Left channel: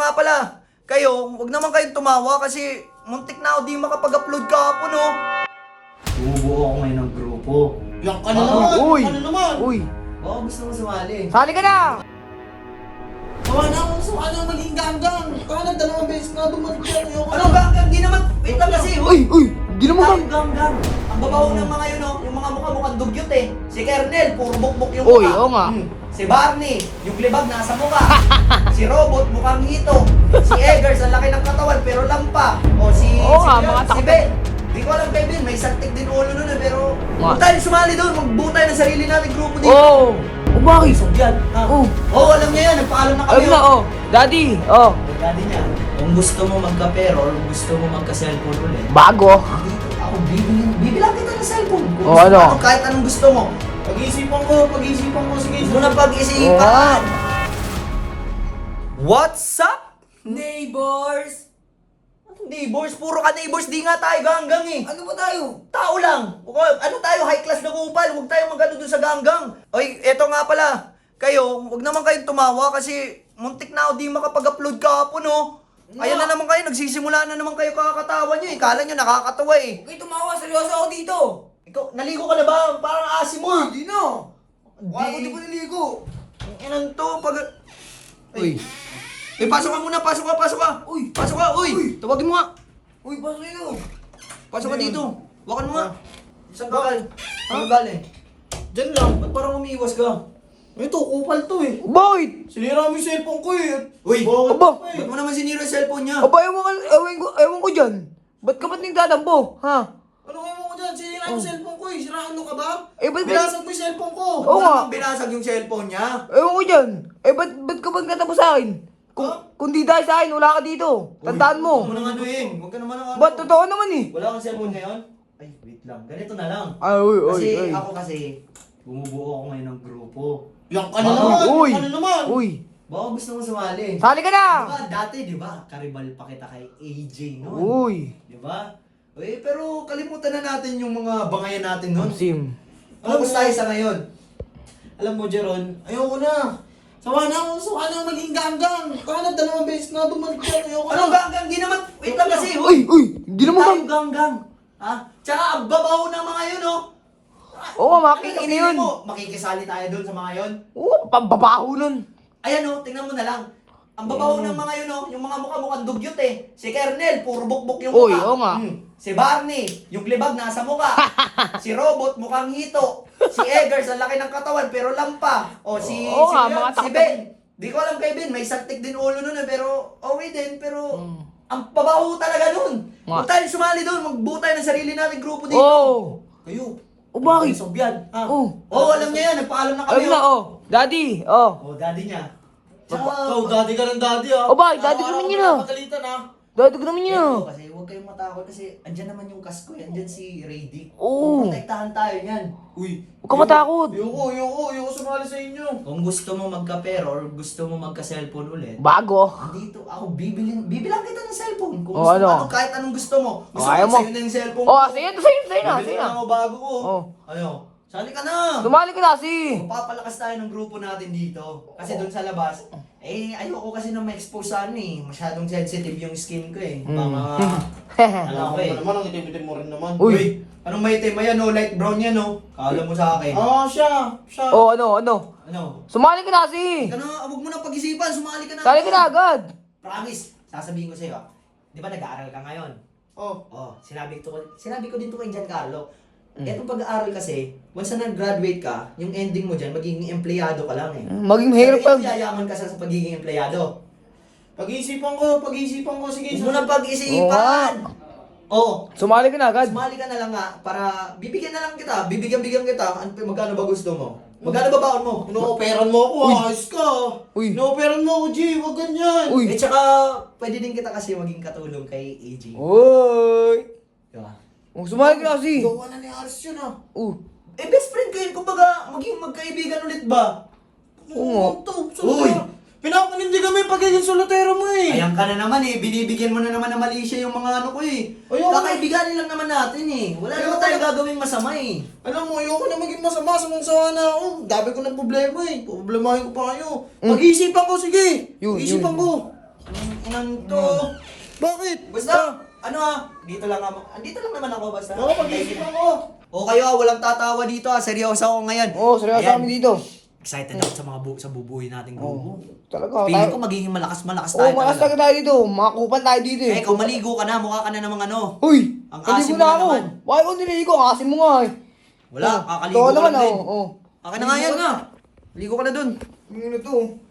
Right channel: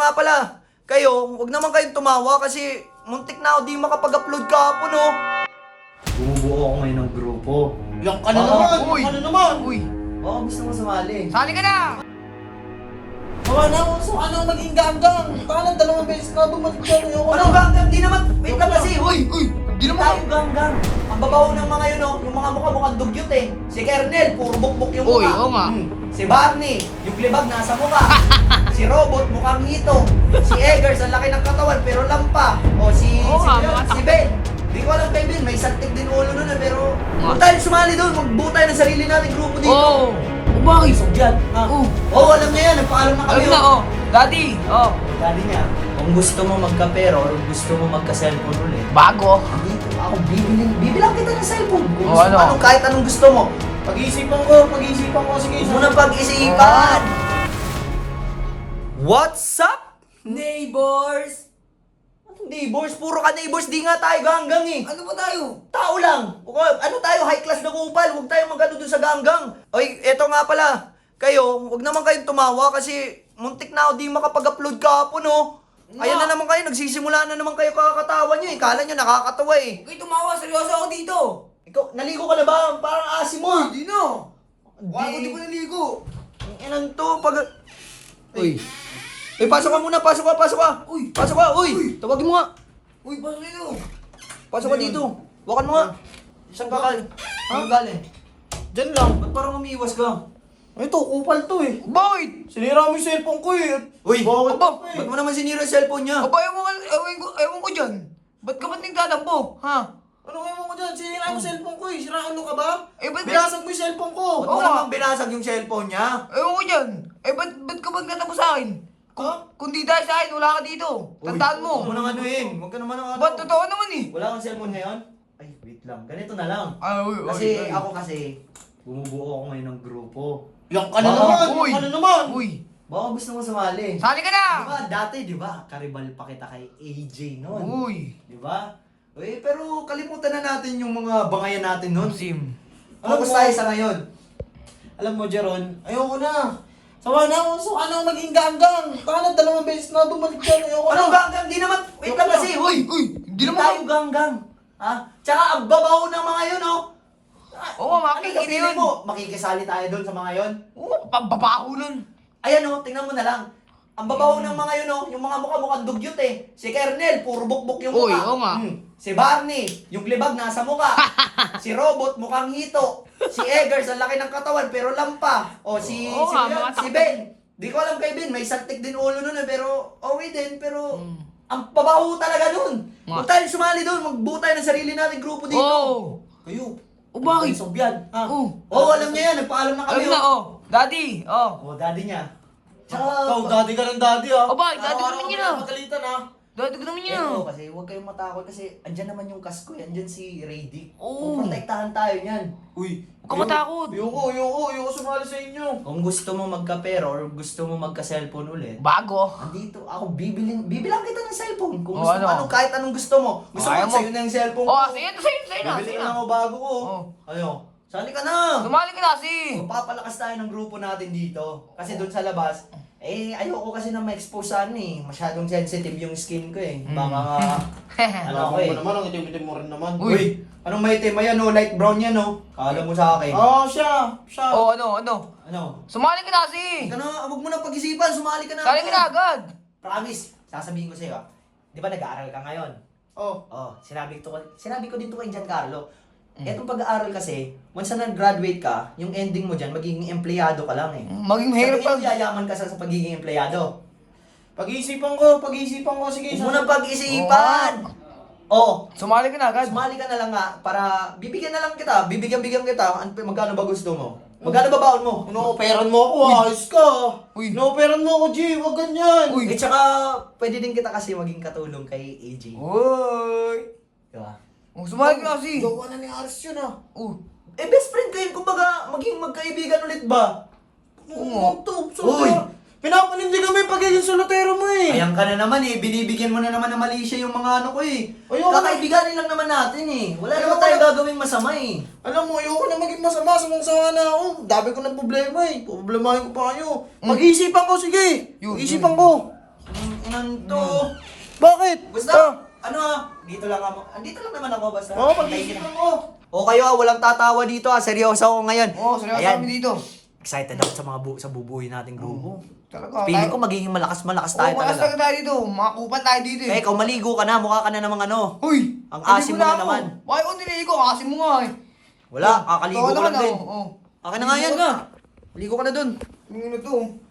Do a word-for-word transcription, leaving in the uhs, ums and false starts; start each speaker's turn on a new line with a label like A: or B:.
A: nga pala, kayo, huwag naman kayong tumawa kasi muntik na ako di makapag-upload kahapon, oh. Bumubuo ako ngayon ng grupo.
B: Yak ka na
A: Ah,
B: naman!
A: uy.
B: Ano naman?
A: Uy, baka gusto mo sumali.
C: Sali ka na!
B: Kawa na ako, so ano maging ganggang? Paano dalawang beses na bumalik dyan? Ayoko
A: Ano
B: na.
A: ganggang? Di naman, wait lang kasi, uy.
C: Uy! Di naman
A: Tayo ganggang. Ang babaw ng mga yun, oh, yung mga mukha-mukhang dugyot eh. Si Kernel, puro bukbok yung
C: Uy,
A: mukha.
C: oo nga.
A: Hmm. Si Barney, yung libag nasa mukha. Si Robot, mukhang hito. Si Eggers, ang laki ng katawan pero lampa. O si,
C: Oo
A: si,
C: nga,
A: si,
C: mga
A: si Ben. Di ko alam kay Ben, may santik din ulo nun eh, pero
C: Nga.
A: huwag tayo sumali doon, magbuo tayo ng sarili nating grupo dito.
C: Oo! Oh, bakit?
A: Yan, ha?
C: Oh.
A: Oo, alam niya yan, nagpaalam na kami.
C: Alam na, oh! Daddy! Oh!
A: Daddy niya, kung gusto mo magka-pero or gusto mo magka-cellphone ulit,
C: Bago!
A: dito ako, bibiling, bibilang kita ng cellphone. Kung
C: Oh,
A: gusto
C: ano?
A: mo, anong- kahit anong gusto mo.
B: Pag-iisipan ko, pag-iisipan ko. Sige,
A: Huwag mo na pag-isipan. What's up, neighbors? Anong neighbors? Puro ka neighbors, di nga tayo ganggang eh.
C: Ano ba tayo?
A: Tao lang. O, ano tayo, high class na kupal. Huwag tayo magano dun sa ganggang. Oy, eto nga pala. Kayo, huwag naman kayong tumawa kasi muntik na ako di makapag-upload kahapon, oh. Ayan na naman kayo, nagsisimula na naman kayo kakatawa nyo eh. Kala nyo nakakatawa eh.
C: Okay, tumawa. Seryoso ako dito!
A: Ikaw, naligo ka na ba? Parang asim mo ah.
C: Hindi na! Wala ko
A: Di-
C: di pa naligo!
A: Ang inan to, pag...
C: Uy!
A: Eh, pasok ka muna, pasok ka, pasok ka.
C: Uy!
A: Pasok ka, uy.
C: Uy.
A: Tawagin mo nga.
C: Uy, pasok nyo!
A: Pasok ka dito. Wakan mo nga. Saan ka galing? Saan ka galing?
B: Diyan lang.
A: Ba't parang umiiwas ka?
B: Ito, kupal to eh.
C: Bakit?
B: Sinira mo yung cellphone ko eh.
A: Uy,
B: Bakit?
C: aba,
B: Eh.
A: Ba't mo naman sinira yung cellphone niya?
C: Aba, ewan, ko- ewan, ko, ewan ko dyan! Ba't ka ba't nagdadambo? Ha?
B: Ano kayo mo ko dyan? Sinira mo yung cellphone ko eh. Siraan mo ka ba?
C: Eh, ba't
B: Binasag mo yung cellphone ko.
A: Ba't
C: Oo
A: mo
C: nga.
A: naman binasag yung cellphone niya?
C: Ewan ko dyan! Eh, ba't, ba't ka ba't katapos sa akin? Kung,
B: Ha?
C: kung di dahil sa akin, wala ka dito. Tandaan mo.
A: Huwag mo nang anuhin. Huwag ka naman ang ano.
C: Ba't totoo naman eh?
A: Wala kang cellphone ngayon? Ay, wait lang. Ganito na lang.
C: Ay, uy, uy,
A: Kasi
C: uy.
A: ako kasi, bumubuo ako ngayon ng grupo.
B: Yak ka na
A: Ah,
B: naman!
C: uy.
B: Ano naman?
C: Uy!
A: Baka gusto mo sumali.
C: Sali ka na!
A: Di ba, dati, di ba, karibal pa kita kay A J noon.
C: Uy!
A: Di ba? Eh, pero kalimutan na natin yung mga bangayan natin noon.
C: Sim.
A: Focus tayo sa ngayon.
B: Alam mo, Jeron, ayoko na. Sawa na ako, so ano maging ganggang? Paano dalawang beses na bumalik dyan? Ayoko na.
A: Anong ganggang? Di naman, wait lang kasi, uy!
C: Uy! Hindi naman
A: tayo ganggang. Ha? Tsaka ang babaw ng mga yun, oh.
C: Oo,
A: Ano
C: makikita
A: ka
C: yun.
A: mo? Makikisali tayo doon sa mga yun?
C: Oo, pambabaho nun.
A: Ayan, oh, tingnan mo na lang. Ang babaw
C: Mm.
A: ng mga yun, oh, yung mga mukha-mukhang dugyot eh. Si Kernel, puro bukbok yung
C: Uy,
A: mukha.
C: oo nga.
A: Hmm. Si Barney, yung libag nasa mukha. Si Robot, mukhang hito. Si Eggers, ang laki ng katawan pero lampa. O si,
C: Oo
A: si,
C: nga,
A: Ben,
C: mga
A: si
C: takot.
A: Ben. Di ko alam kay Ben, may santik din ulo nun eh, pero okay din, pero
C: Mm.
A: ang babaho talaga nun.
C: Nga.
A: Huwag tayo sumali doon, magbuo tayo ng sarili nating grupo dito.
C: Oo!
A: Kayo.
C: O bakit?
A: Kayo Sobyan. Ah.
C: Oo.
A: Oo, alam niya yan, nagpaalam na kami.
C: Alam na, oh! Daddy! Oh!
A: Oh, daddy niya. Tsaka,
B: Ikaw, daddy ka ng daddy ah.
C: O bakit? Daddy ka naman yun, ah.
B: Magalitan ah.
C: Daddy ko naman yun!
A: Eto, kasi huwag kayong matakot kasi andyan naman yung kasko, eh. Andyan si Radic.
C: Oo.
A: Protektahan tayo niyan.
B: Uy.
C: Huwag ka matakot!
B: Ayoko, ayoko, ayoko sumali sa inyo.
A: Kung gusto mo magka-pero or gusto mo magka-cellphone ulit,
C: Bago!
A: andito ako, bibiling, bibilang kita ng cellphone. Kung
C: Oh,
A: gusto mo,
C: ano?
A: anong, kahit anong gusto mo. Gusto
C: Kaya
A: mo,
C: mo.
A: sa'yo na yung cellphone
C: Oh,
A: ko.
C: sige, ito sa'yo, sa'yo na,
A: Bibili
C: sa'yo
A: na
C: na!
A: ako bago ko.
C: Oh.
A: Ano? Sali ka na!
C: Sumali ka na, si!
A: Papalakas tayo ng grupo natin dito. Kasi doon sa labas, eh, ayoko kasi na ma-expose sa ano eh. Masyadong sensitive yung skin ko eh.
C: Hmm.
A: Baka nga, ano ako eh.
B: naman, ang itim-itim mo rin naman.
C: Uy.
A: Uy, anong may itim? Ayan oh, light brown yan oh. Kala mo sa akin.
B: Ah, siya, siya.
C: Oh, ano, ano?
A: Ano?
C: Sumali ka na, si!
A: Ka na, huwag mo na pag-isipan, sumali ka na.
C: Sali ka na agad!
A: Promise, sasabihin ko sa'yo. Di ba nag-aaral ka ngayon?
B: Oh.
A: Oh, sinabi ko, sinabi ko din to kay Giancarlo. Etong pag-aaral kasi, once na nag-graduate ka, yung ending mo dyan, magiging empleyado ka lang eh.
C: Maging
A: Sa
C: hair
A: tingin mo,
C: pag...
A: yayaman ka sa, sa pagiging empleyado.
B: Pag-iisipan ko, pag-iisipan ko. Sige,
A: Huwag mo na pag-isipan! Oo,
C: Sumali ka na agad!
A: sumali ka na lang nga para bibigyan na lang kita, bibigyan-bigyan kita, ano, magkano ba gusto mo? Magkano ba baon mo?
B: Ino-operan mo ako, ayos ka.
C: Uy.
B: Ino-operan mo ako, G, wag ganyan.
C: Uy.
A: Eh tsaka, pwede din kita kasi maging katulong kay A J.
C: Uy!
A: Diba?
C: Oh, sumali ka na, si!
B: Gawa na ni Aris yun ah.
C: Uh!
A: Eh, best friend kayo, kumbaga, maging magkaibigan ulit ba?
B: Oo, to.
A: Uy.
B: Pinapanindig kami pagiging solotero mo eh.
A: Ayan ka na naman eh, binibigyan mo na naman ng mali siya yung mga ano ko eh.
B: Ayoko na.
A: Kakaibiganin lang naman natin eh. Wala
B: Ayoko
A: naman tayong
B: na.
A: gagawing masama eh.
B: Alam mo, ayoko na maging masama, sumang-sawa na ako. Dami ko ng problema eh. Problemahin ko pa kayo. Pag-iisipan ko, sige.
C: Yun,
B: Pag-iisipan
C: yun.
B: ko.
A: Anong Nanto.
C: Bakit?
A: Basta, ano ah, dito lang ako. Andito lang naman ako basta.
B: Oo, pag-isip ako.
A: O kayo ah, walang tatawa dito ah. Seryoso ako ngayon.
C: Oo, seryoso
A: Ayan.
C: kami dito.
A: Excited ako sa mga bu sa bubuhay nating grupo.
C: Talaga.
A: Feeling ko magiging malakas-malakas tayo
C: Oo, malas
A: talaga.
C: tayo dito. Makakupan tayo dito
A: Eh, ikaw maligo ka na, mukha ka na namang ano.
C: Uy!
A: Ang asim mo na
C: ako.
A: naman.
C: Bakit ko nililigo? Ang asim mo nga eh.
A: Wala, kakaligo
C: Ikaw
A: ko lang
C: naman,
A: din.
C: oh, oh.
A: Akin na nga yan.
C: Ligo ka na.
A: Ligo ka na dun.
C: Yung ano to?